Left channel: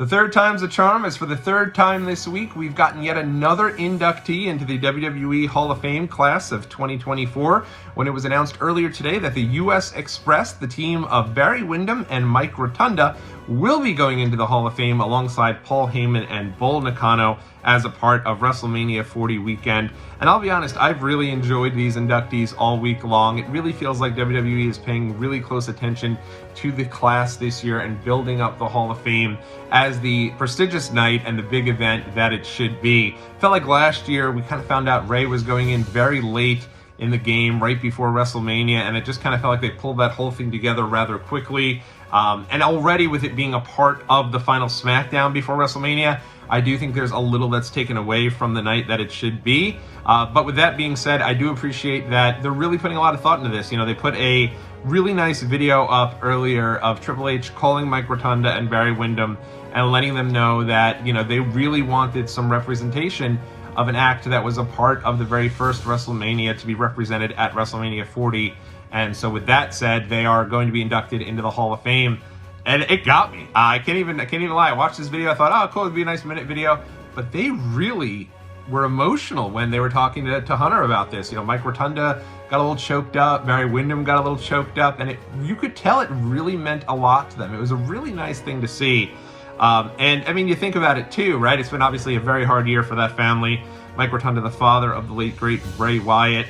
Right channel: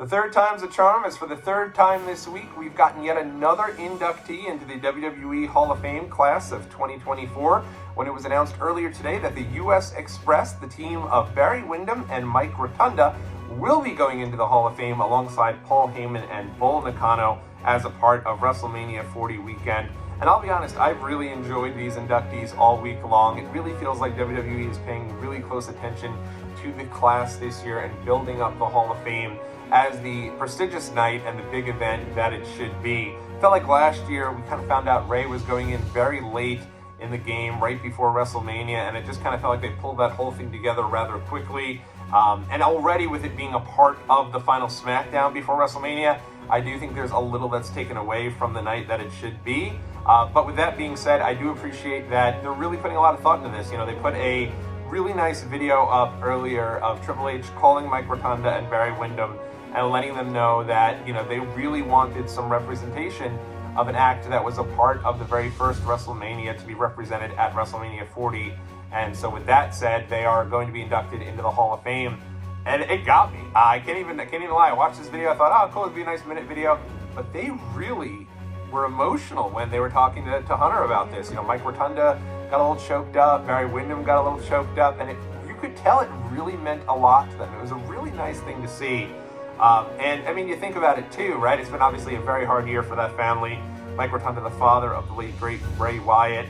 The third time's a charm, as for the third time this week, we've gotten yet another inductee into the WWE Hall of Fame class of 2024, when it was announced earlier today that the US Express, the team of Barry Windham and Mike Rotunda, will be going into the Hall of Fame alongside Paul Heyman and Bull Nakano as a part of WrestleMania 40 weekend. And I'll be honest, I've really enjoyed these inductees all week long. It really feels like WWE is paying really close attention to the class this year and building up the Hall of Fame as the prestigious night and the big event that it should be. Felt like last year we kind of found out Ray was going in very late in the game, right before WrestleMania, and it just kind of felt like they pulled that whole thing together rather quickly. And already with it being a part of the final SmackDown before WrestleMania, I do think there's a little that's taken away from the night that it should be. But with that being said, I do appreciate that they're really putting a lot of thought into this. You know, they put a really nice video up earlier of Triple H calling Mike Rotunda and Barry Windham and letting them know that, you know, they really wanted some representation of an act that was a part of the very first WrestleMania to be represented at WrestleMania 40. And so with that said, they are going to be inducted into the Hall of Fame. And it got me. I can't even lie. I watched this video. I thought, oh, cool, it'd be a nice minute video. But they really were emotional when they were talking to Hunter about this. You know, Mike Rotunda got a little choked up. Barry Windham got a little choked up. And you could tell it really meant a lot to them. It was a really nice thing to see. And I mean, you think about it too, right? It's been obviously a very hard year for that family. Mike Rotunda, the father of the late, great Bray Wyatt.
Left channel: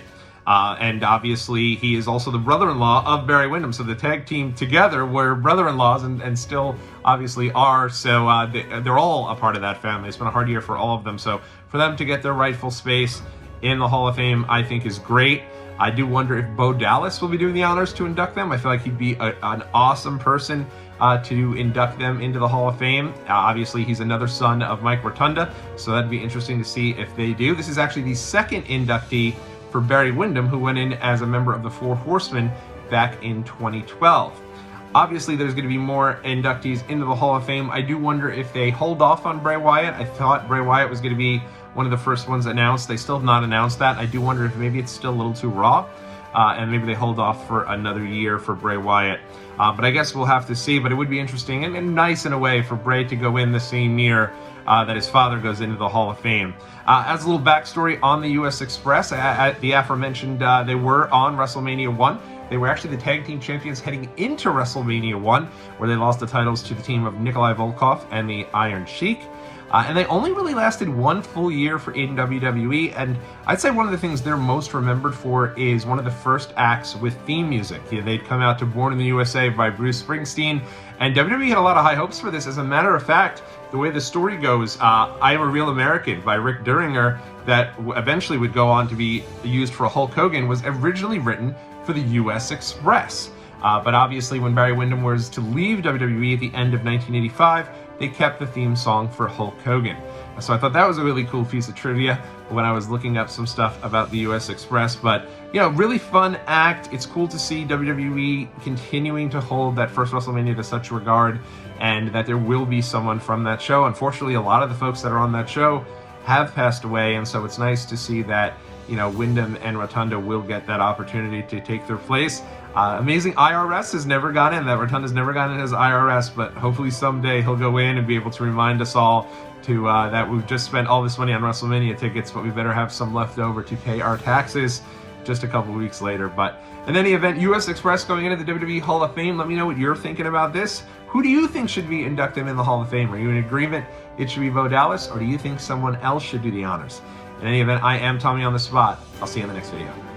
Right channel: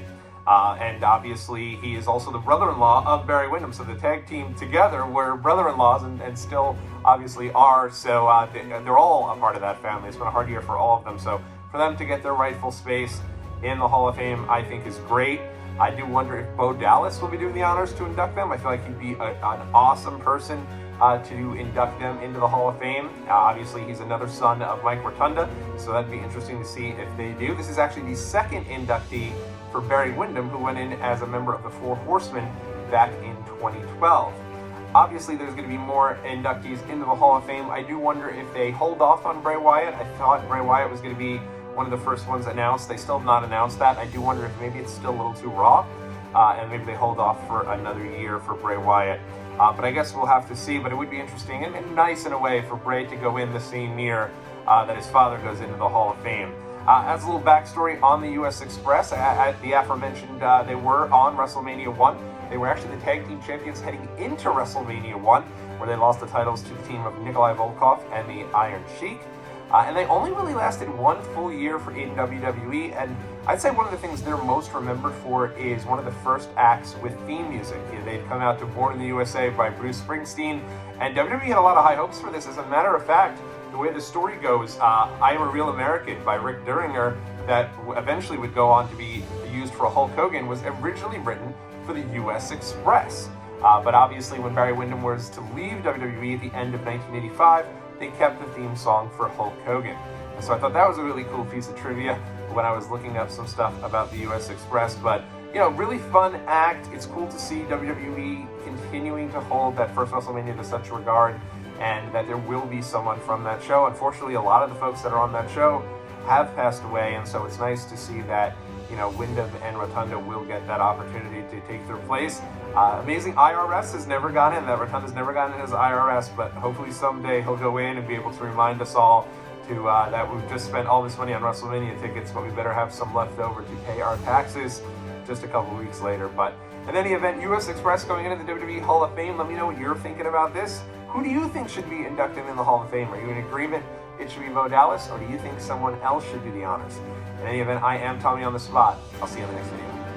And obviously, he is also the brother-in-law of Barry Windham. So the tag team together were brother-in-laws and still obviously are. So they're all a part of that family. It's been a hard year for all of them. So for them to get their rightful space in the Hall of Fame, I think is great. I do wonder if Bo Dallas will be doing the honors to induct them. I feel like he'd be an awesome person to induct them into the Hall of Fame. Obviously, he's another son of Mike Rotunda, so that'd be interesting to see if they do. This is actually the second inductee for Barry Windham, who went in as a member of the Four Horsemen back in 2012. Obviously, there's going to be more inductees into the Hall of Fame. I do wonder if they hold off on Bray Wyatt. I thought Bray Wyatt was going to be one of the first ones announced. They still have not announced that. I do wonder if maybe it's still a little too raw, and maybe they hold off for another year for Bray Wyatt. But I guess we'll have to see. But it would be interesting and nice in a way for Bray to go in the same year that his father goes into the Hall of Fame. As a little backstory on the US Express, at the aforementioned, they were on WrestleMania 1. They were actually the tag team champions heading into WrestleMania 1, where they lost the titles to the team of Nikolai Volkov and the Iron Sheik. And they only really lasted one full year in WWE, and I'd say one of the things they're most remembered for is one of the first acts with theme music. They'd come out to Born in the USA by Bruce Springsteen, and WWE had a lot of high hopes for this. As a matter of fact, the way the story goes, I Am a Real American by Rick Derringer, that eventually would go on to be used for Hulk Hogan, was originally written for the US Express. But obviously when Barry Windham was to leave WWE at the end of 1985, they kept the theme song for Hulk Hogan. So I thought that was a really cool piece of trivia when I was looking up some stuff about the US Express. But, you know, really fun act. It's cool to see WWE continuing to hold that first WrestleMania to such regard, and that there will be someone from that show. Unfortunately, a lot of the folks that are on that show have passed away, and so it's nice to see that, you know, Windham and Rotunda will get that opportunity to take their place. Amazing IRS has never gone in. That Rotunda's never gone in as IRS, but hopefully someday he'll go in and be able to remind us all to that we've just spent all this money on WrestleMania tickets, but we better have some left over to pay our taxes just a couple weeks later. But in any event, US Express going into the WWE Hall of Fame. Let me know what you're thinking about this. Who do you think should be inducted in the Hall of Fame? Are you in agreement it should be Bo Dallas, or do you think someone else should do the honors? In any event, I am Tommy on the Spot. I'll see you in the next video.